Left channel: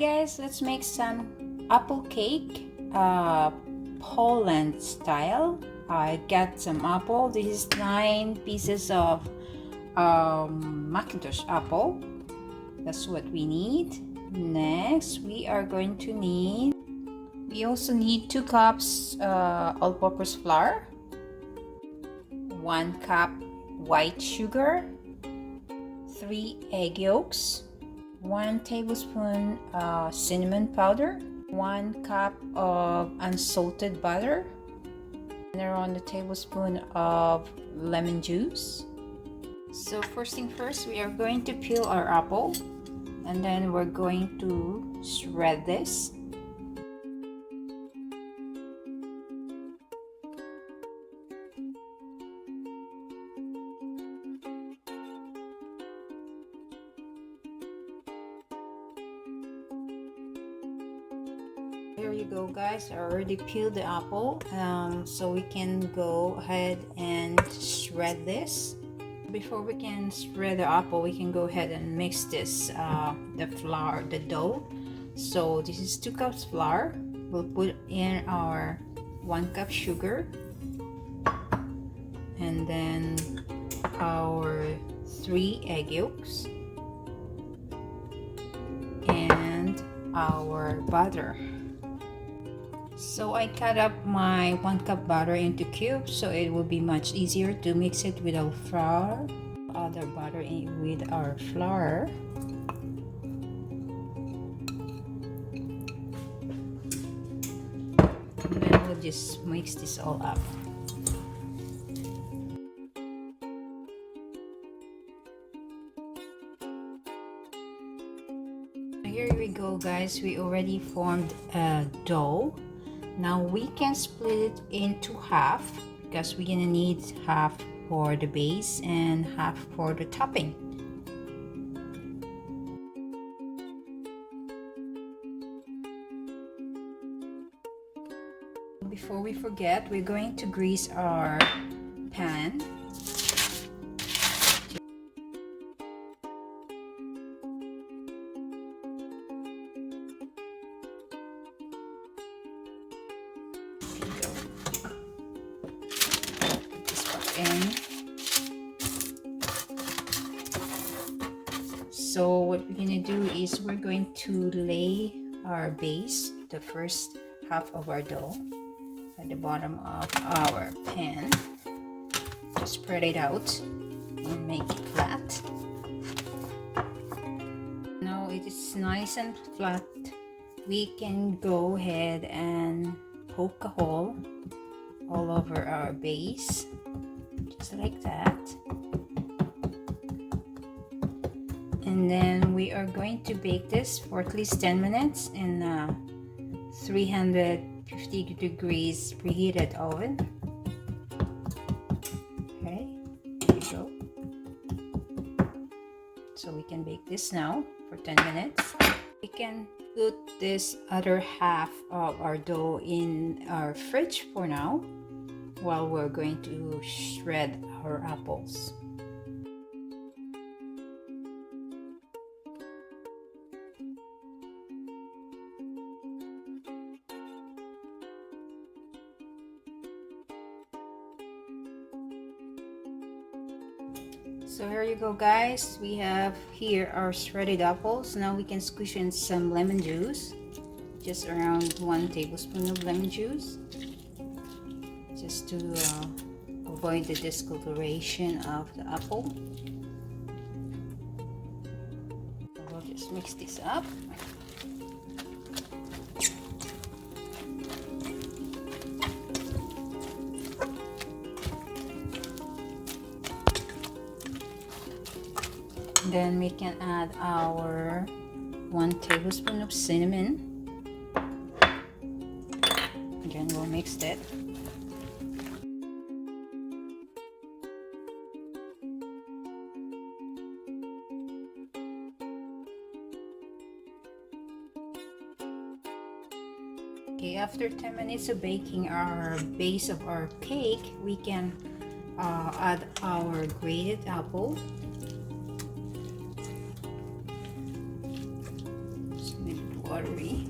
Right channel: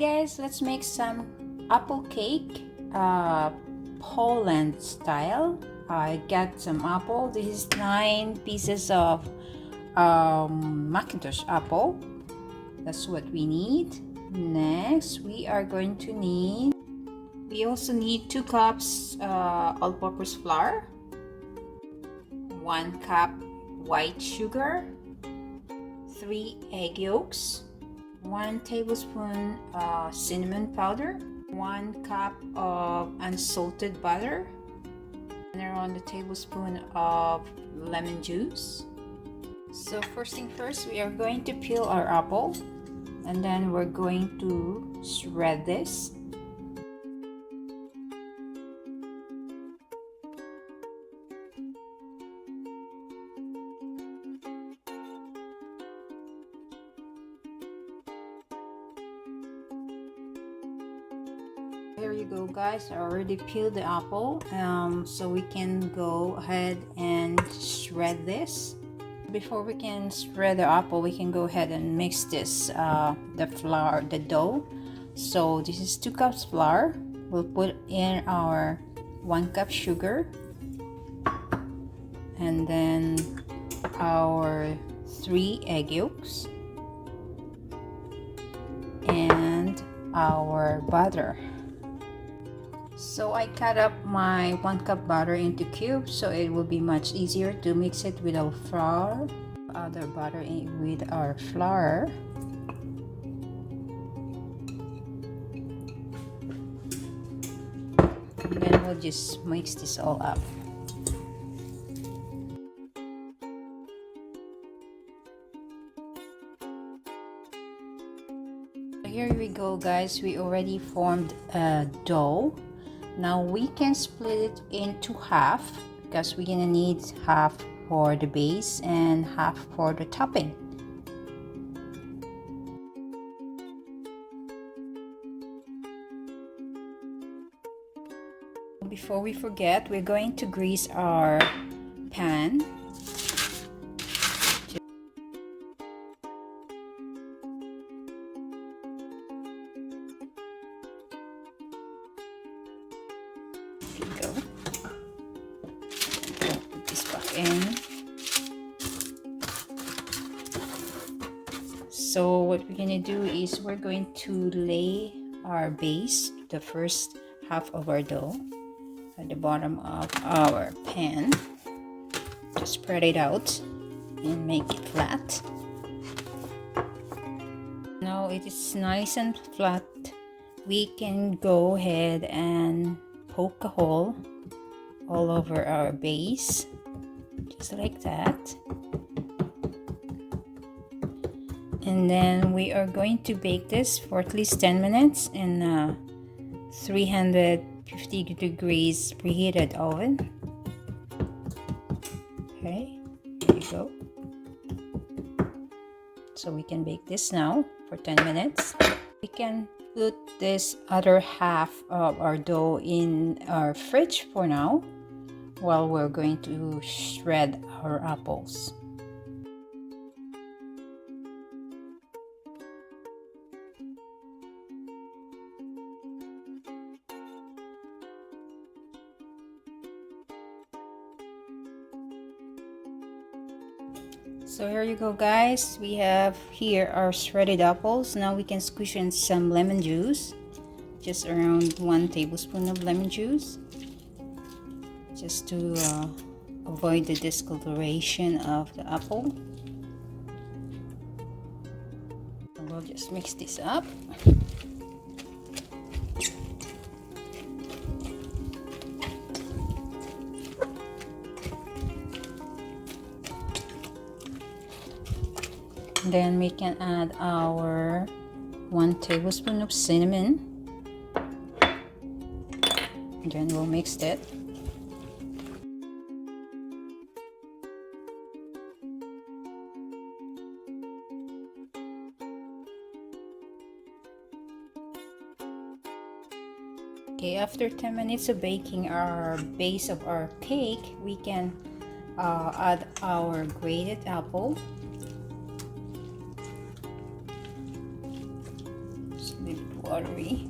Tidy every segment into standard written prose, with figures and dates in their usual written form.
guys, let's make some apple cake, Poland style. I got some apple. This is 9 pieces of Macintosh apple. That's what we need. Next, we also need 2 cups all-purpose flour, 1 cup white sugar, 3 egg yolks, 1 tablespoon cinnamon powder, 1 cup of unsalted butter, and around a tablespoon of lemon juice. So first thing first, we are going to peel our apple, and then we're going to shred this. Here you go guys, I already peeled the apple, so we can go ahead and shred this. Before we can shred the apple, we can go ahead and mix this, the dough. So this is 2 cups flour. We'll put in our 1 cup sugar, and then our 3 egg yolks, and our butter. So I cut up my 1 cup butter into cubes, so it will be much easier to mix it with our flour, other butter with our flour. And then we'll just mix this all up. Here we go guys, we already formed a dough. Now we can split it into half, because we're gonna need half for the base and half for the topping. Before we forget, we're going to grease our pan. So what we're gonna do is we're going to lay our base, the first half of our dough, at the bottom of our pan. Just spread it out and make it flat. Now it is nice and flat. We can go ahead and poke a hole all over our base, just like that. And then we are going to bake this for at least 10 minutes in 350 degrees preheated oven. Okay, there you go. So we can bake this now for 10 minutes. We can put this other half of our dough in our fridge for now, while we're going to shred our apples. So here you go guys, we have here our shredded apples. Now we can squish in some lemon juice, just around 1 tablespoon of lemon juice, just to avoid the discoloration of the apple. So we'll just mix this up. Then we can add our 1 tablespoon of cinnamon. Again, we'll mix that. Okay, after 10 minutes of baking our base of our cake, we can add our grated apple. buttery.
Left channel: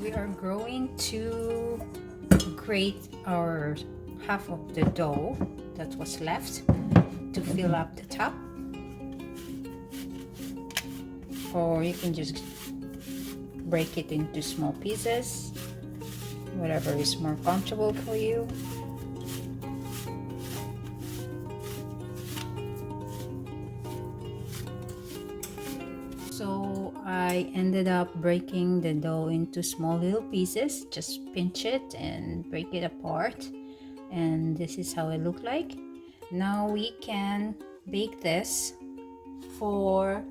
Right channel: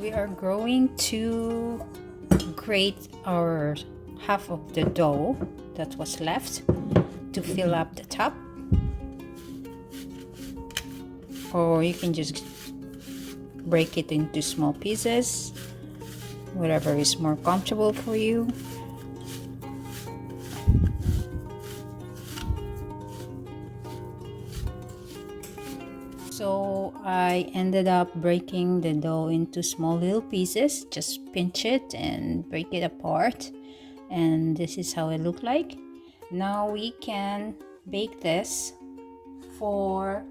We are going to grate our half of the dough that was left to fill up the top, or you can just break it into small pieces, whatever is more comfortable for you. So I ended up breaking the dough into small little pieces. Just pinch it and break it apart, and this is how it looked like. Now we can bake this for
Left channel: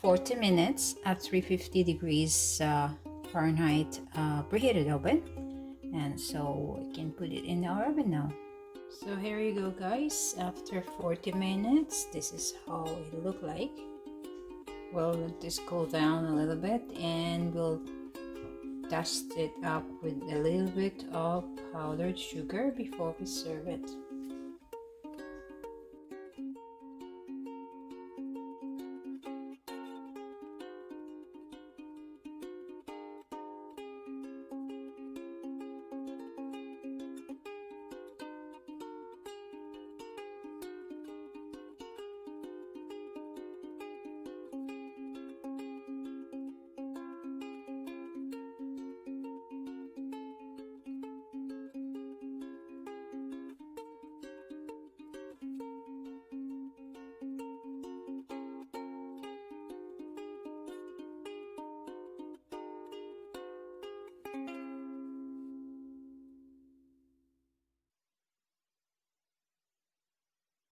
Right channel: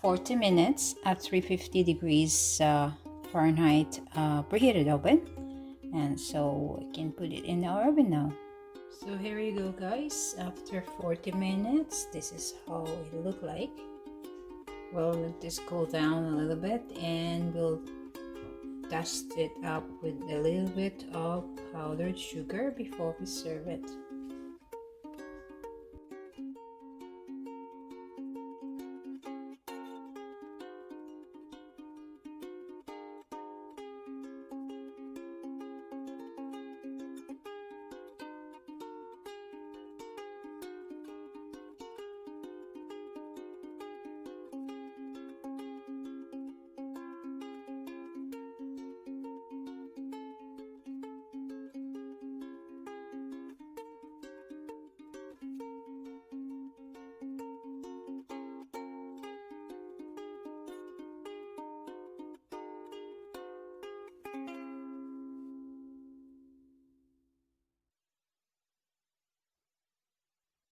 40 minutes at 350 degrees Fahrenheit preheated oven, and so we can put it in our oven now. So here you go, guys. After 40 minutes, this is how it looked like. We'll let this cool down a little bit, and we'll dust it up with a little bit of powdered sugar before we serve it.